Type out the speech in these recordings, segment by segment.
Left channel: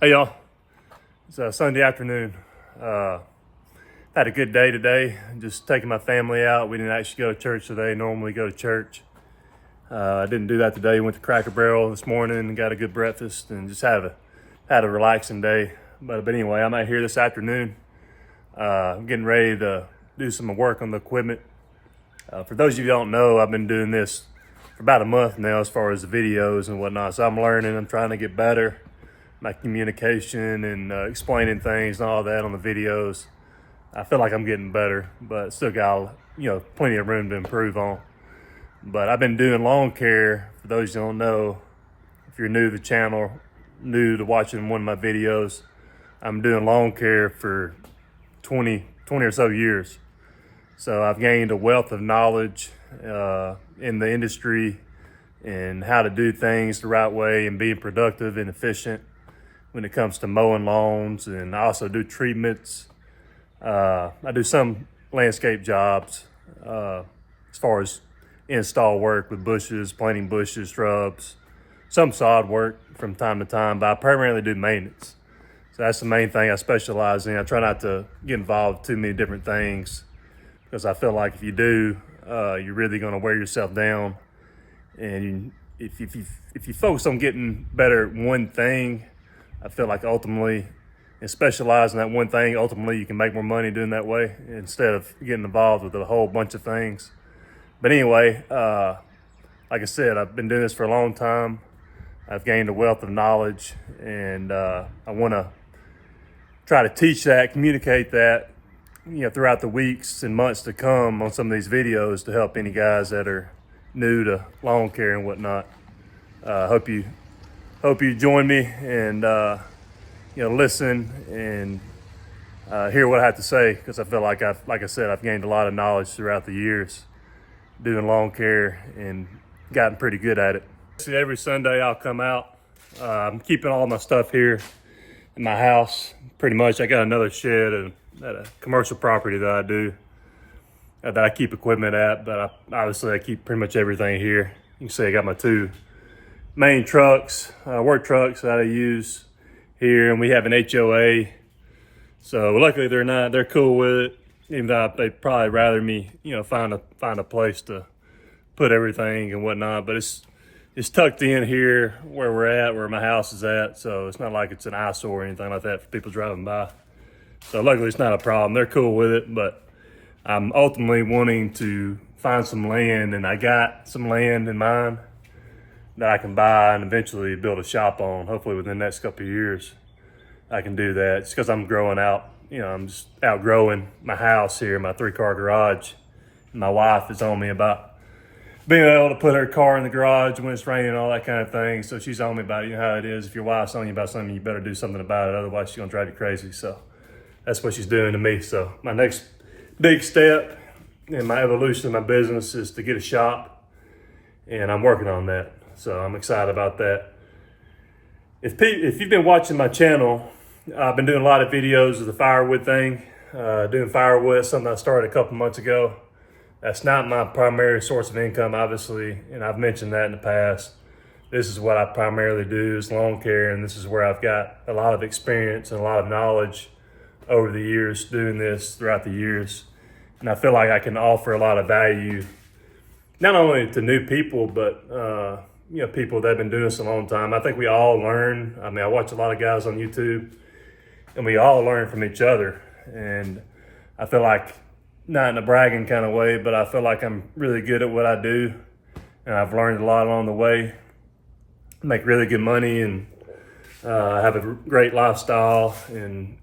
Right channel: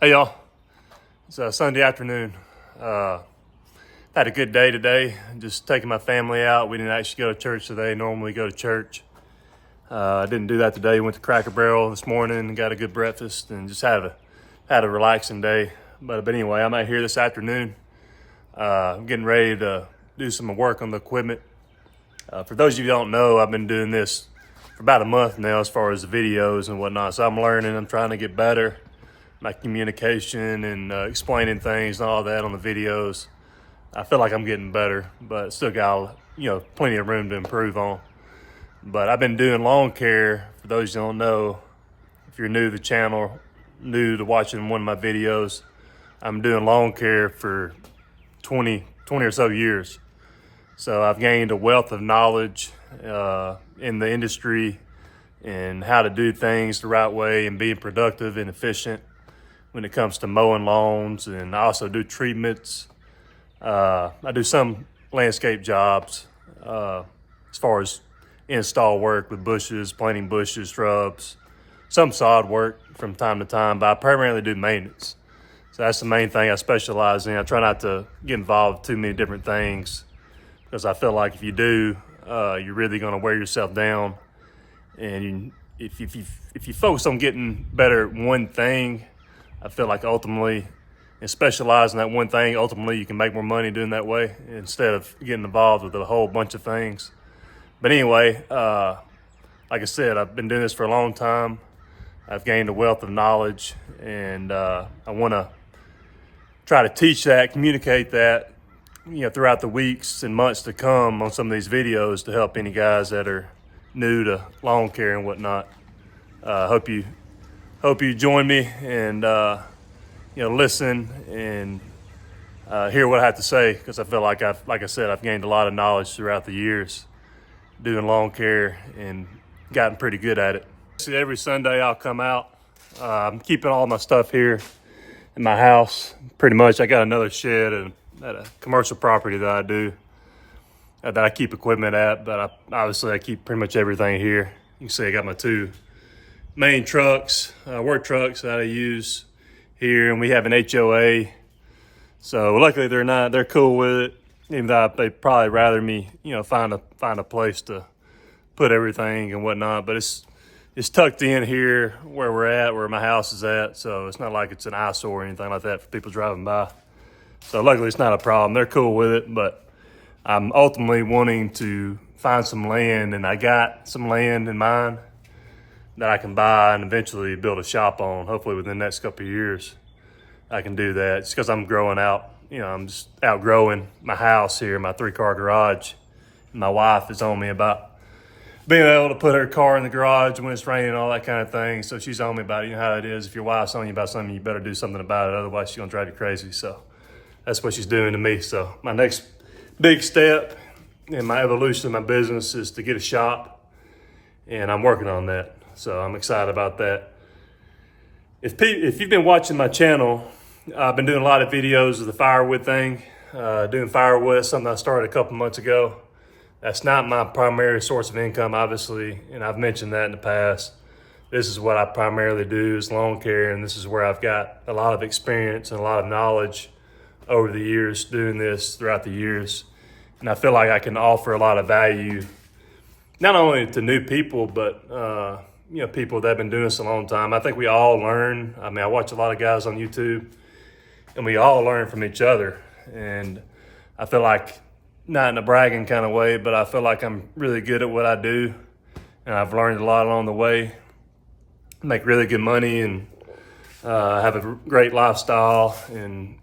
Hey y'all, it's Sunday afternoon. Had a good day today, just taking my family out. We didn't actually go to church today. Normally go to church. I didn't do that today. Went to Cracker Barrel this morning and got a good breakfast and just had a relaxing day. But anyway, I'm out here this afternoon. I'm getting ready to do some work on the equipment. For those of you who don't know, I've been doing this for about a month now as far as the videos and whatnot. So I'm learning, I'm trying to get better. My communication and explaining things and all that on the videos. I feel like I'm getting better, but still got plenty of room to improve on. But I've been doing lawn care. For those who don't know, if you're new to the channel, new to watching one of my videos, I'm doing lawn care for 20 or so years. So I've gained a wealth of knowledge in the industry and how to do things the right way and being productive and efficient when it comes to mowing lawns. And I also do treatments. I do some landscape jobs as far as install work with bushes, planting bushes, shrubs, some sod work from time to time, but I primarily do maintenance. So that's the main thing I specialize in. I try not to get involved in too many different things because I feel like if you do, you're really going to wear yourself down. And if you focus on getting better at one thing, I feel like ultimately, and specialize in that one thing, ultimately you can make more money doing that way instead of getting involved with a whole bunch of things. But anyway, like I said, I've been doing this for a long time. I've gained a wealth of knowledge, and I want to try to teach that, communicate that, throughout the weeks and months to come on some of these videos to help any guys that are new to lawn care and whatnot. Hope you join me and listen and hear what I have to say, because I feel like I've gained a lot of knowledge throughout the years doing lawn care and gotten pretty good at it. See, every Sunday I'll come out. I'm keeping all my stuff here in my house. Pretty much, I got another shed at a commercial property that I do that I keep equipment at, but I keep pretty much everything here. You can see I got my two main trucks, work trucks that I use here, and we have an HOA. So luckily they're cool with it, even though they'd probably rather me, find a place to put everything and whatnot. But it's tucked in here where we're at, where my house is at. So it's not like it's an eyesore or anything like that for people driving by. So luckily it's not a problem. They're cool with it, but I'm ultimately wanting to find some land, and I got some land in mind that I can buy and eventually build a shop on. Hopefully within the next couple of years, I can do that. It's because I'm growing out. I'm just outgrowing my house here, my 3-car garage. And my wife is on me about being able to put her car in the garage when it's raining, all that kind of thing. So she's on me about it. You know how it is. If your wife's on you about something, you better do something about it. Otherwise, she's going to drive you crazy. So that's what she's doing to me. So my next big step in my evolution of my business is to get a shop. And I'm working on that. So I'm excited about that. If you've been watching my channel, I've been doing a lot of videos of the firewood thing. Doing firewood, something I started a couple months ago. That's not my primary source of income, obviously, and I've mentioned that in the past. This is what I primarily do, is lawn care, and this is where I've got a lot of experience and a lot of knowledge over the years doing this throughout the years. And I feel like I can offer a lot of value, not only to new people, but people that have been doing this a long time. I think we all learn. I mean, I watch a lot of guys on YouTube, and we all learn from each other. And I feel like, not in a bragging kind of way, but I feel like I'm really good at what I do. And I've learned a lot along the way. Make really good money and have a great lifestyle and,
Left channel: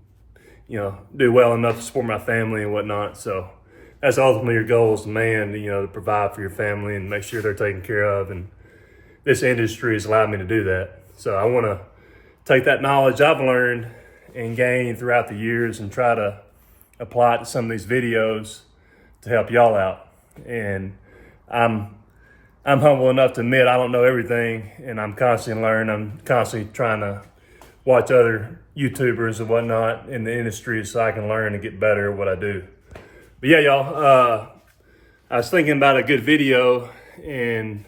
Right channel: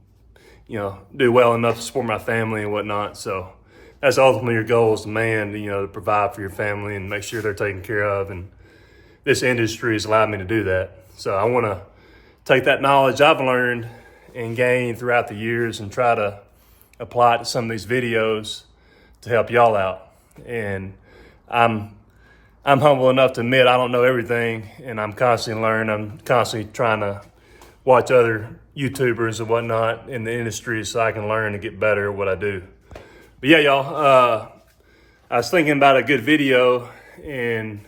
do well enough to support my family and whatnot. So that's ultimately your goal as a man, to provide for your family and make sure they're taken care of. And this industry has allowed me to do that. So I want to take that knowledge I've learned and gained throughout the years and try to apply it to some of these videos to help y'all out. And I'm humble enough to admit I don't know everything, and I'm constantly learning. I'm constantly trying to watch other YouTubers and whatnot in the industry so I can learn and get better at what I do. But yeah, y'all, I was thinking about a good video, and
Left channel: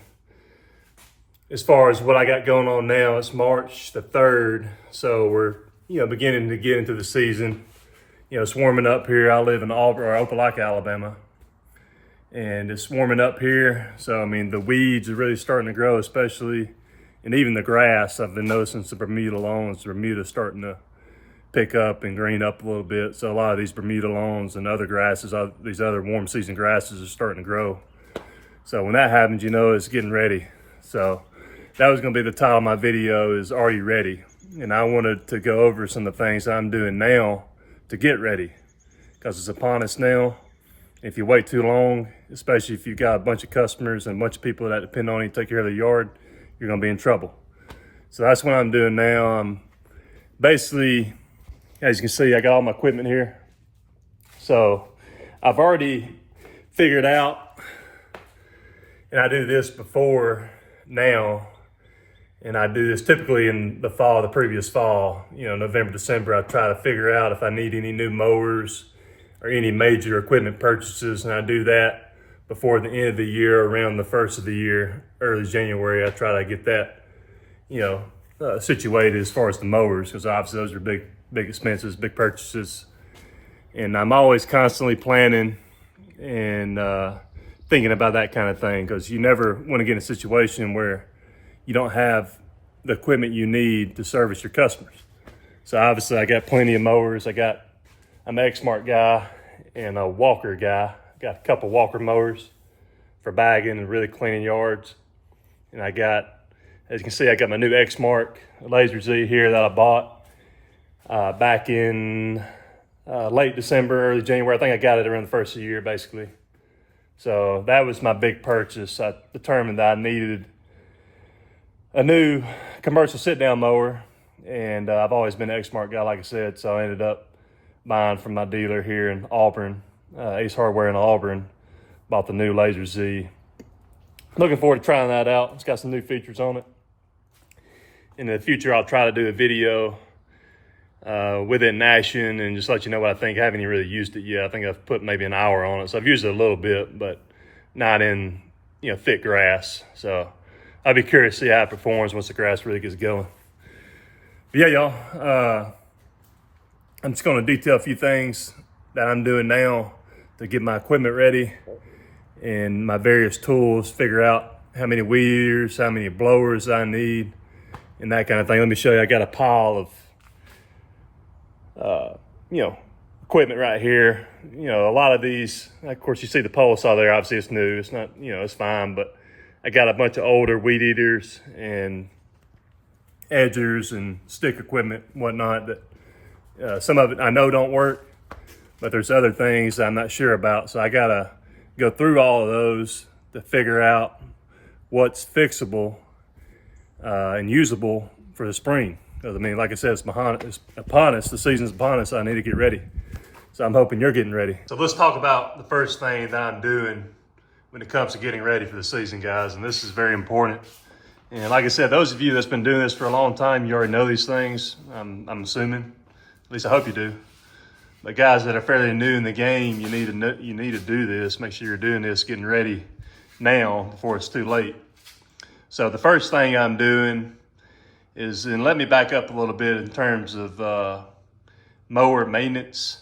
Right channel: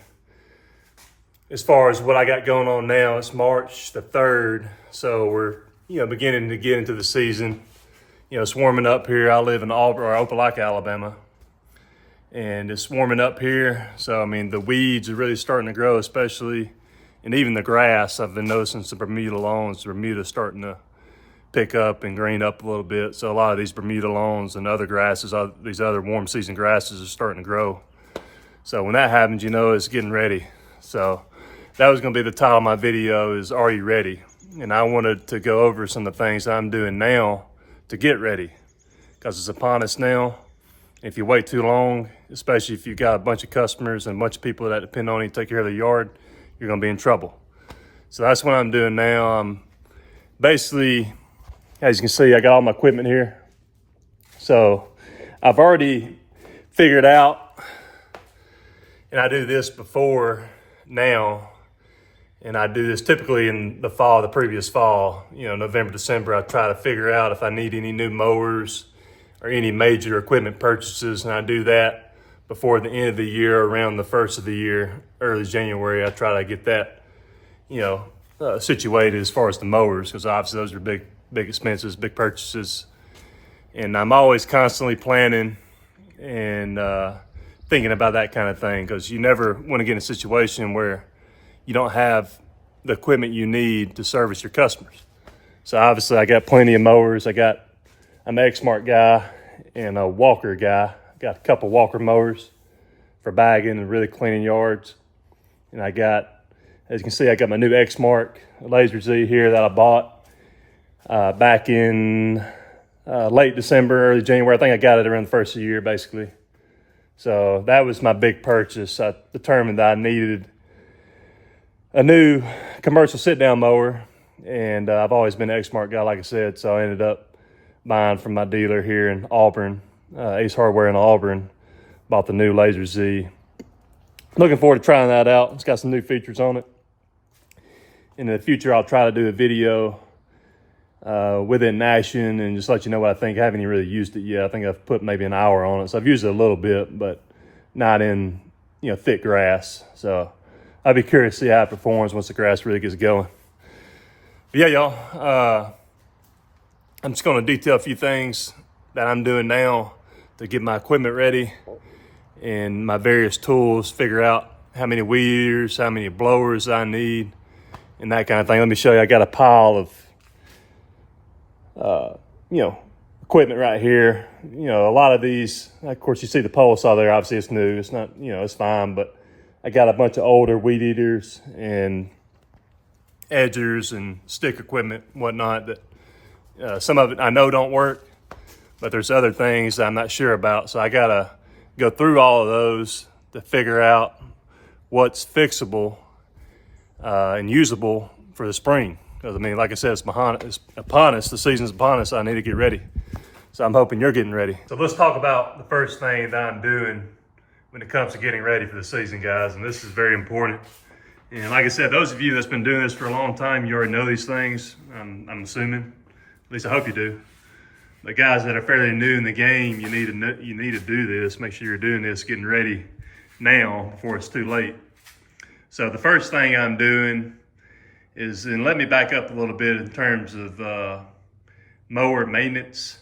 as far as what I got going on now, it's March the 3rd. So we're, beginning to get into the season. It's warming up here. I live in Auburn or Opelika, Alabama. And it's warming up here. So, the weeds are really starting to grow, especially, and even the grass. I've been noticing some Bermuda lawns. Bermuda's starting to pick up and green up a little bit. So a lot of these Bermuda lawns and other grasses, these other warm season grasses are starting to grow. So when that happens, it's getting ready. So that was gonna be the title of my video is, Are You Ready? And I wanted to go over some of the things I'm doing now to get ready, because it's upon us now. If you wait too long, especially if you've got a bunch of customers and a bunch of people that depend on you to take care of the yard, you're gonna be in trouble. So that's what I'm doing now. I'm basically, as you can see, I got all my equipment here. So I've already figured out, and I do this before now, and I do this typically in the fall, the previous fall, November, December. I try to figure out if I need any new mowers or any major equipment purchases, and I do that before the end of the year, around the first of the year, early January. I try to get that, situated as far as the mowers, because obviously those are big expenses, big purchases. And I'm always constantly planning and thinking about that kind of thing, because you never want to get in a situation where you don't have the equipment you need to service your customers. So obviously I got plenty of mowers. I'm an Exmark guy and a Walker guy. Got a couple Walker mowers for bagging and really cleaning yards. And I got, as you can see, I got my new Exmark Laser Z here that I bought back in late December, early January. I think I got it around the first of the year, basically. So that was my big purchase. I determined that I needed a new commercial sit-down mower, and I've always been an Exmark guy, like I said, so I ended up buying from my dealer here in Auburn, Ace Hardware in Auburn. Bought the new Laser Z. Looking forward to trying that out. It's got some new features on it. In the future, I'll try to do a video with it in action and just let you know what I think. I haven't even really used it yet. I think I've put maybe an hour on it. So I've used it a little bit, but not in, thick grass. So I'd be curious to see how it performs once the grass really gets going. But yeah, y'all, I'm just going to detail a few things that I'm doing now to get my equipment ready and my various tools, figure out how many weed eaters, how many blowers I need, and that kind of thing. Let me show you. I got a pile of equipment right here. A lot of these, of course, you see the pole saw there. Obviously, it's new. It's not, it's fine, but I got a bunch of older weed eaters and edgers and stick equipment, whatnot, that some of it I know don't work, but there's other things that I'm not sure about. So I gotta go through all of those to figure out what's fixable and usable for the spring. Because like I said, it's upon us. The season's upon us. So I need to get ready. So I'm hoping you're getting ready. So let's talk about the first thing that I'm doing when it comes to getting ready for the season, guys. And this is very important. And like I said, those of you that's been doing this for a long time, you already know these things. I'm assuming. At least I hope you do. But guys that are fairly new in the game, you need to do this. Make sure you're doing this, getting ready now before it's too late. So the first thing I'm doing is, and let me back up a little bit in terms of mower maintenance.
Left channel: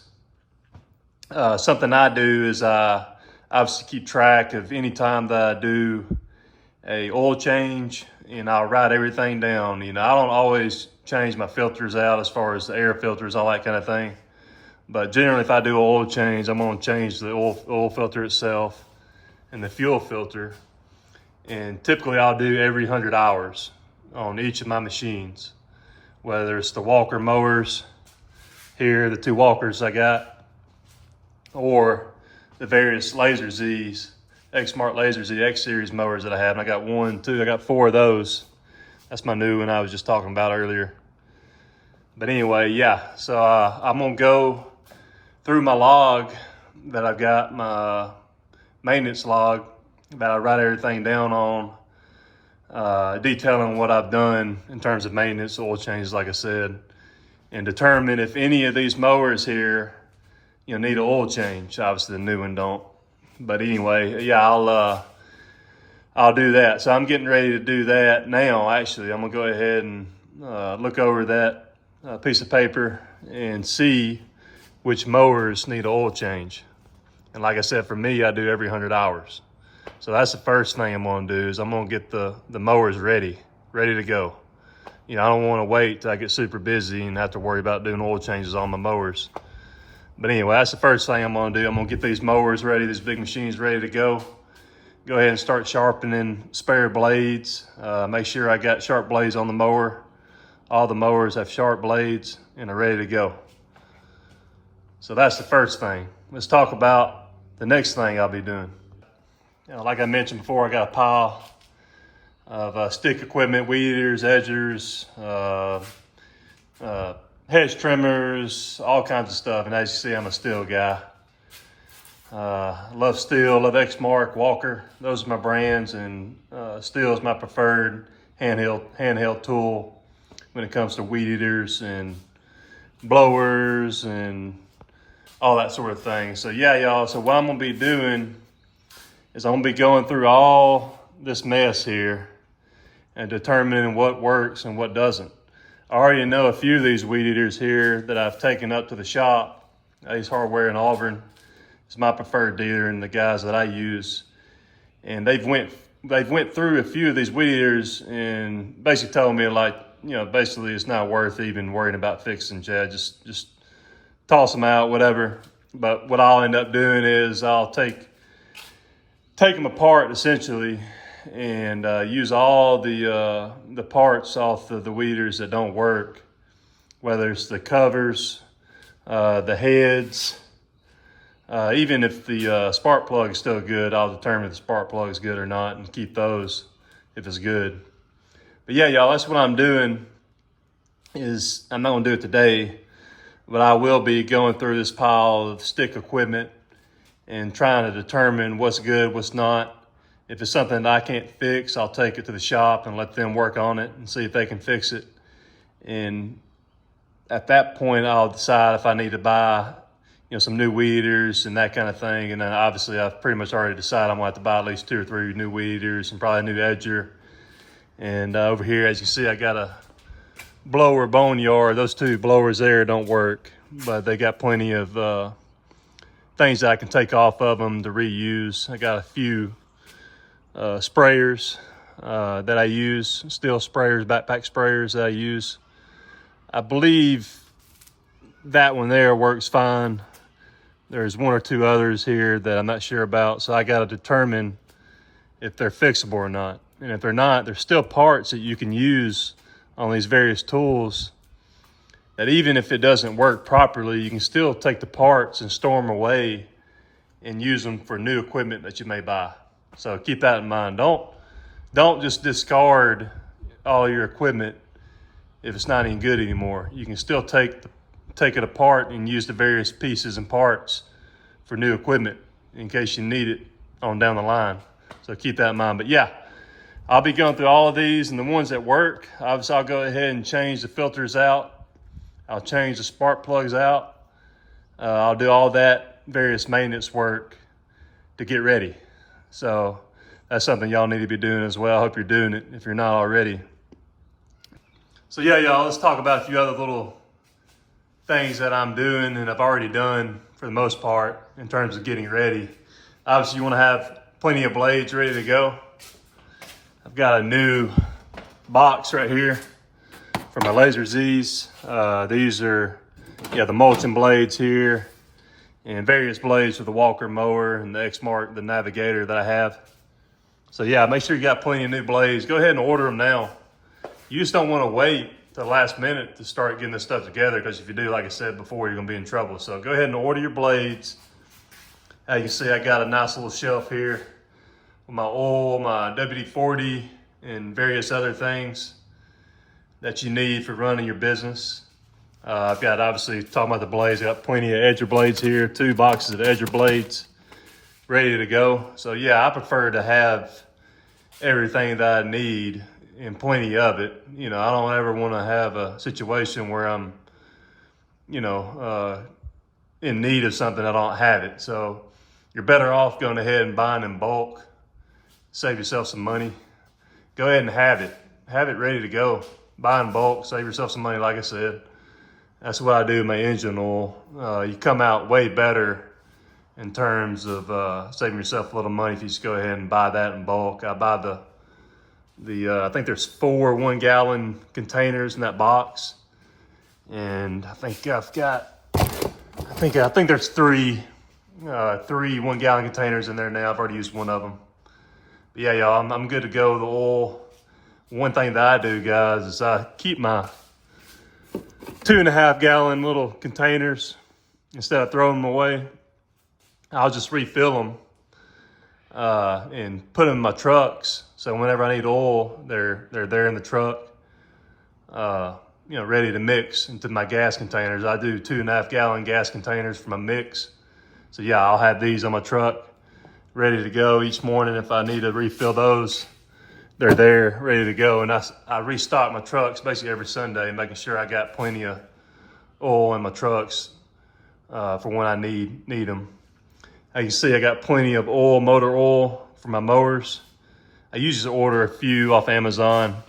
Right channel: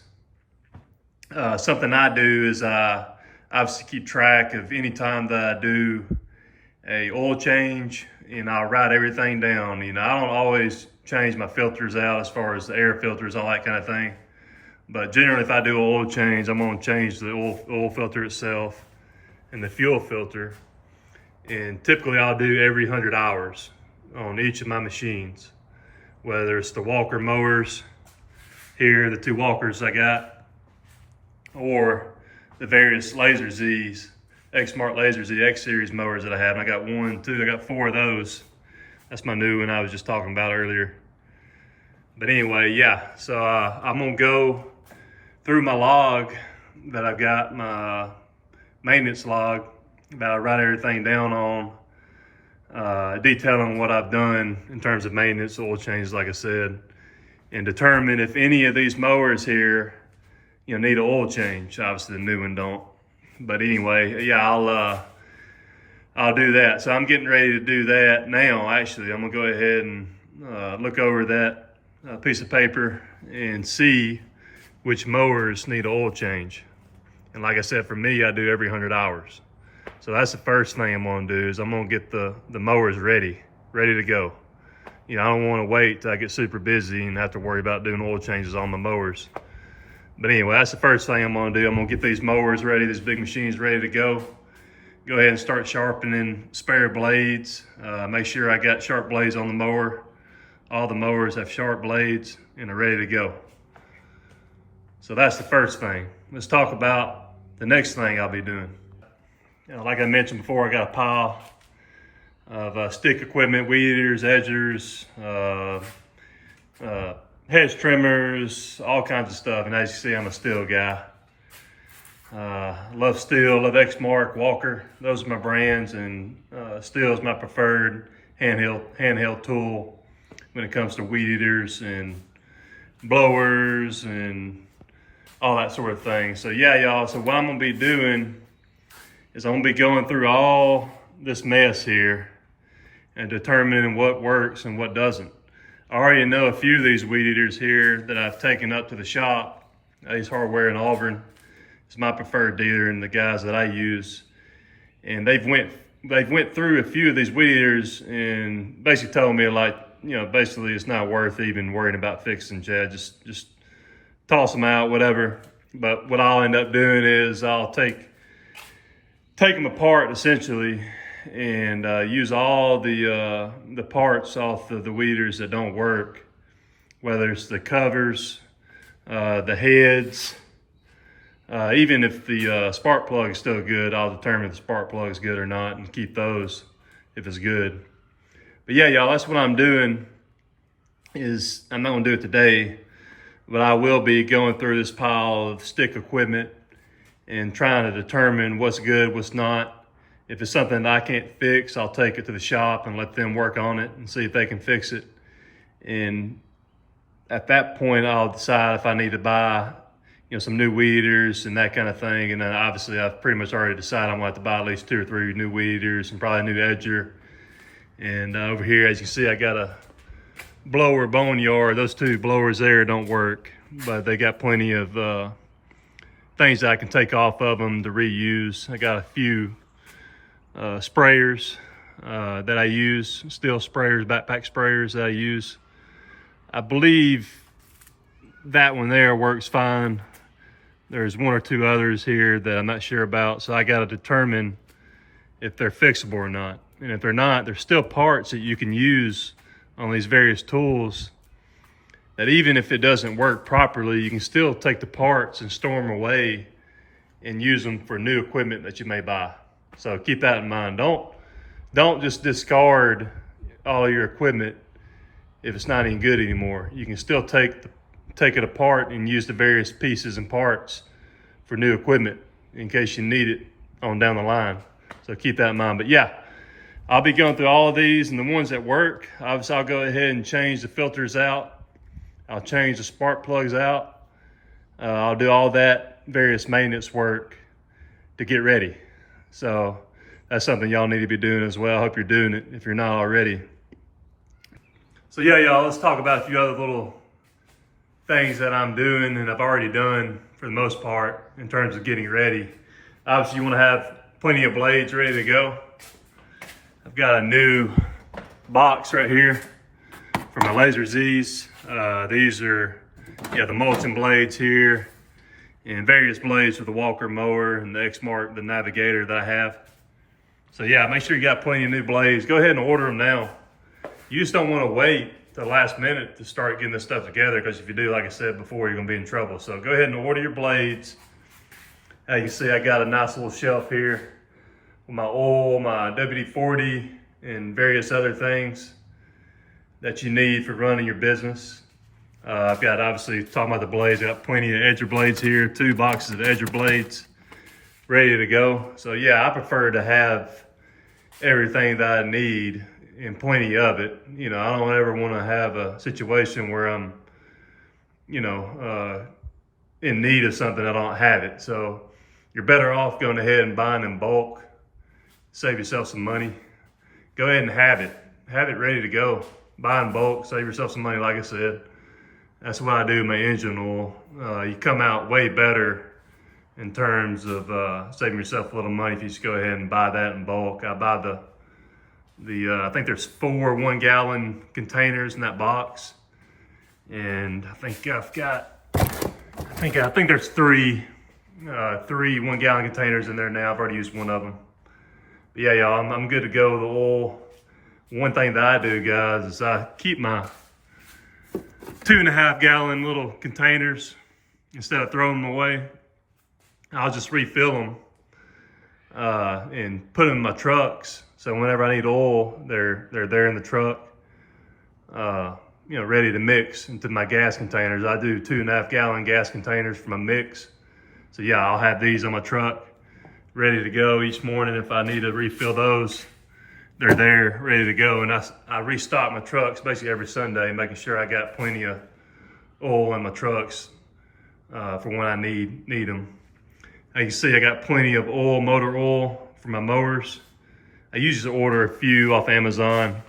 Something I do is I obviously keep track of any time that I do a oil change, and I'll write everything down. I don't always change my filters out as far as the air filters, all that kind of thing. But generally, if I do an oil change, I'm gonna change the oil filter itself and the fuel filter. And typically I'll do every 100 hours on each of my machines, whether it's the Walker mowers here, the two Walkers I got, or the various Laser Z's, Exmark Laser Z X Series mowers that I have. And I got one, two, I got four of those. That's my new one I was just talking about earlier. But anyway, yeah, so I'm gonna go through my log that I've got, my maintenance log, that I write everything down on, detailing what I've done in terms of maintenance, oil changes, like I said, and determine if any of these mowers here, need an oil change. Obviously the new one don't. But anyway, yeah, I'll I'll do that. So I'm getting ready to do that now. Actually, I'm gonna go ahead and look over that piece of paper and see which mowers need an oil change. And like I said, for me, I do every 100 hours. So that's the first thing I'm gonna do is I'm gonna get the mowers ready to go. You know, I don't wanna wait till I get super busy and have to worry about doing oil changes on my mowers. But anyway, that's the first thing I'm gonna do. I'm gonna get these mowers ready, these big machines ready to go. Go ahead and start sharpening spare blades. Make sure I got sharp blades on the mower. All the mowers have sharp blades and are ready to go. So that's the first thing. Let's talk about the next thing I'll be doing. You know, like I mentioned before, I got a pile of stick equipment, weed eaters, edgers, hedge trimmers, all kinds of stuff. And as you see, I'm a steel guy. Love steel, love Exmark, Walker. Those are my brands, and steel is my preferred handheld tool when it comes to weed eaters and blowers and all that sort of thing. So yeah, y'all, so what I'm gonna be doing is I'm gonna be going through all this mess here and determining what works and what doesn't. I already know a few of these weed eaters here that I've taken up to the shop. Ace Hardware in Auburn is my preferred dealer and the guys that I use. And they've went through a few of these weed eaters and basically told me, like, you know, basically it's not worth even worrying about fixing, Chad. Just toss them out, whatever. But what I'll end up doing is I'll take them apart essentially and use all the parts off the weed eaters that don't work, whether it's the covers, the heads, even if the spark plug is still good, I'll determine if the spark plug is good or not and keep those if it's good. But yeah, y'all, that's what I'm doing. Is I'm not gonna do it today, but I will be going through this pile of stick equipment and trying to determine what's good, what's not. If it's something that I can't fix, I'll take it to the shop and let them work on it and see if they can fix it. And at that point, I'll decide if I need to buy, you know, some new weed eaters and that kind of thing. And then obviously I've pretty much already decided I'm gonna have to buy at least 2 or 3 new weed eaters and probably a new edger. And over here, as you see, I got a blower boneyard. Those 2 blowers there don't work, but they got plenty of things that I can take off of them to reuse. I got a few sprayers that I use, steel sprayers, backpack sprayers that I use. I believe that one there works fine. There's 1 or 2 others here that I'm not sure about, so I got to determine if they're fixable or not. And if they're not, there's still parts that you can use on these various tools that even if it doesn't work properly, you can still take the parts and store them away and use them for new equipment that you may buy. So keep that in mind. Don't just discard all your equipment if it's not any good anymore. You can still take it apart and use the various pieces and parts for new equipment in case you need it on down the line. So keep that in mind. But yeah, I'll be going through all of these, and the ones that work, obviously I'll go ahead and change the filters out. I'll change the spark plugs out. I'll do all that various maintenance work to get ready. So that's something y'all need to be doing as well. I hope you're doing it if you're not already. So yeah, y'all, let's talk about a few other little things that I'm doing and I've already done for the most part in terms of getting ready. Obviously you want to have plenty of blades ready to go. I've got a new box right here for my Laser Z's. These are the mulching blades here and various blades for the Walker mower and the Exmark, the Navigator that I have. So yeah, make sure you got plenty of new blades. Go ahead and order them now. You just don't want to wait till the last minute to start getting this stuff together, because if you do, like I said before, you're gonna be in trouble. So go ahead and order your blades. As you see, I got a nice little shelf here with my oil, my WD-40, and various other things that you need for running your business. I've got, obviously, talking about the blades, I got plenty of edger blades here, 2 boxes of edger blades ready to go. So yeah, I prefer to have everything that I need and plenty of it. You know, I don't ever want to have a situation where I'm, in need of something, I don't have it. So you're better off going ahead and buying in bulk save yourself some money, go ahead and have it. Have it ready to go. Buy in bulk, save yourself some money, like I said. That's what I do with my engine oil. You come out way better in terms of saving yourself a little money if you just go ahead and buy that in bulk. I buy I think there's 4 1-gallon containers in that box. And I think there's three 1-gallon containers in there now. I've already used one of them. But yeah, y'all, I'm good to go with the oil. One thing that I do, guys, is I keep my 2.5-gallon little containers. Instead of throwing them away, I'll just refill them and put them in my trucks. So whenever I need oil, they're there in the truck, ready to mix into my gas containers. I do 2.5-gallon gas containers for my mix. So yeah, I'll have these on my truck, ready to go each morning. If I need to refill those, they're there, ready to go. And I restock my trucks basically every Sunday, making sure I got plenty of oil in my trucks for when I need them. As you can see, I got plenty of oil, motor oil for my mowers. I usually order a few off Amazon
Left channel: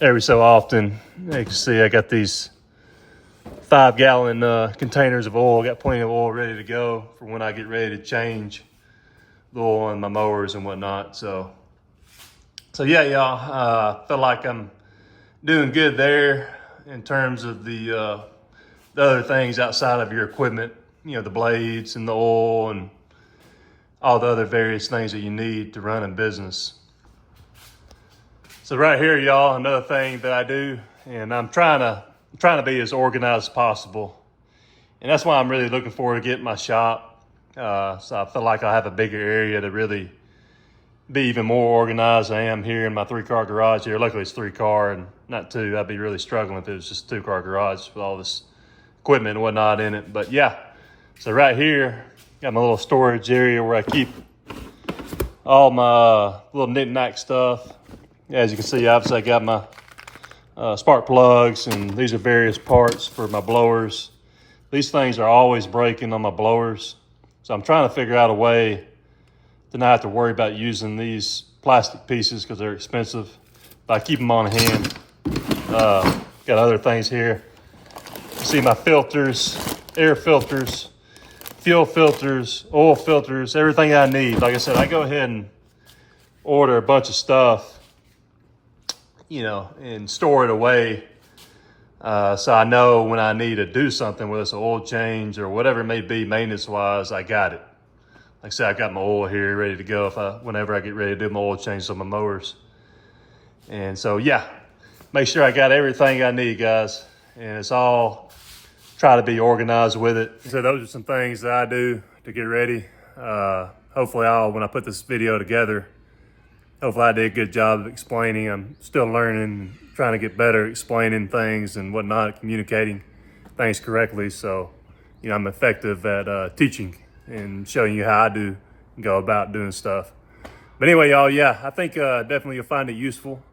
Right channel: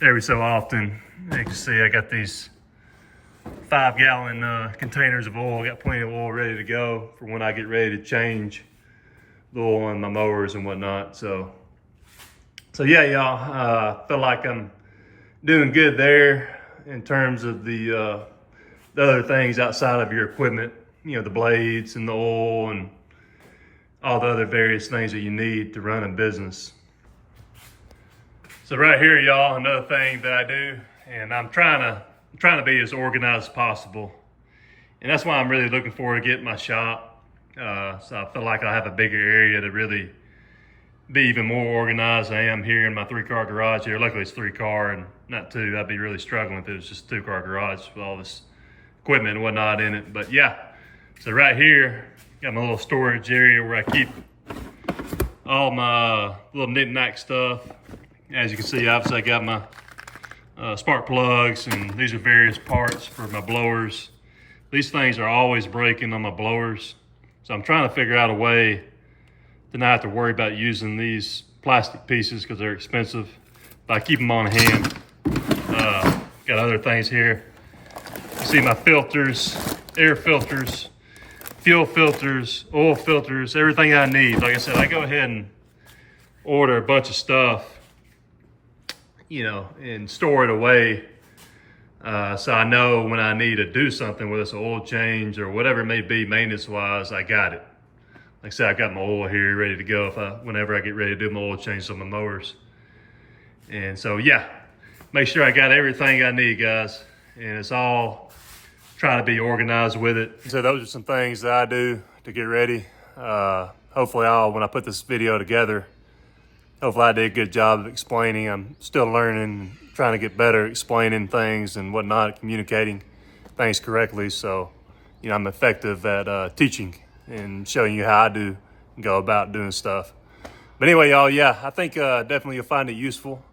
every so often. As you can see, I got these 5-gallon containers of oil. Got plenty of oil ready to go for when I get ready to change the oil in my mowers and whatnot. So yeah, y'all, feel like I'm doing good there in terms of the other things outside of your equipment, the blades and the oil and all the other various things that you need to run a business. So right here, y'all, another thing that I do, and I'm trying to be as organized as possible. And that's why I'm really looking forward to getting my shop. So I feel like I have a bigger area to really be even more organized than I am here in my 3-car garage here. Luckily it's 3-car and not 2. I'd be really struggling if it was just a 2-car garage with all this equipment and whatnot in it. But yeah, so right here, got my little storage area where I keep all my little knick-knack stuff. As you can see, obviously I got my spark plugs, and these are various parts for my blowers. These things are always breaking on my blowers. So I'm trying to figure out a way to not have to worry about using these plastic pieces because they're expensive. But I keep them on hand. Got other things here. You see my filters, air filters, fuel filters, oil filters, everything I need. Like I said, I go ahead and order a bunch of stuff, and store it away. So I know when I need to do something, whether it's an oil change or whatever it may be, maintenance-wise, I got it. Like I said, I got my oil here ready to go whenever I get ready to do my oil changes on my mowers. And so, yeah, make sure I got everything I need, guys. And it's all, try to be organized with it. So those are some things that I do to get ready. Hopefully when I put this video together, hopefully I did a good job of explaining. I'm still learning, trying to get better at explaining things and whatnot, communicating things correctly. So, I'm effective at teaching and showing you how I do go about doing stuff. But anyway, y'all, yeah, I think definitely you'll find it useful.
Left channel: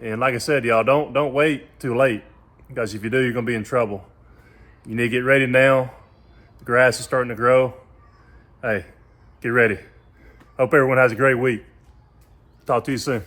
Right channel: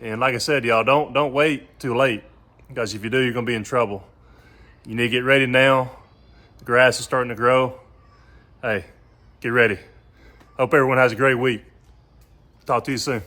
And like I said, y'all, don't wait too late, because if you do, you're gonna be in trouble. You need to get ready now. The grass is starting to grow. Hey, get ready. Hope everyone has a great week. Talk to you soon.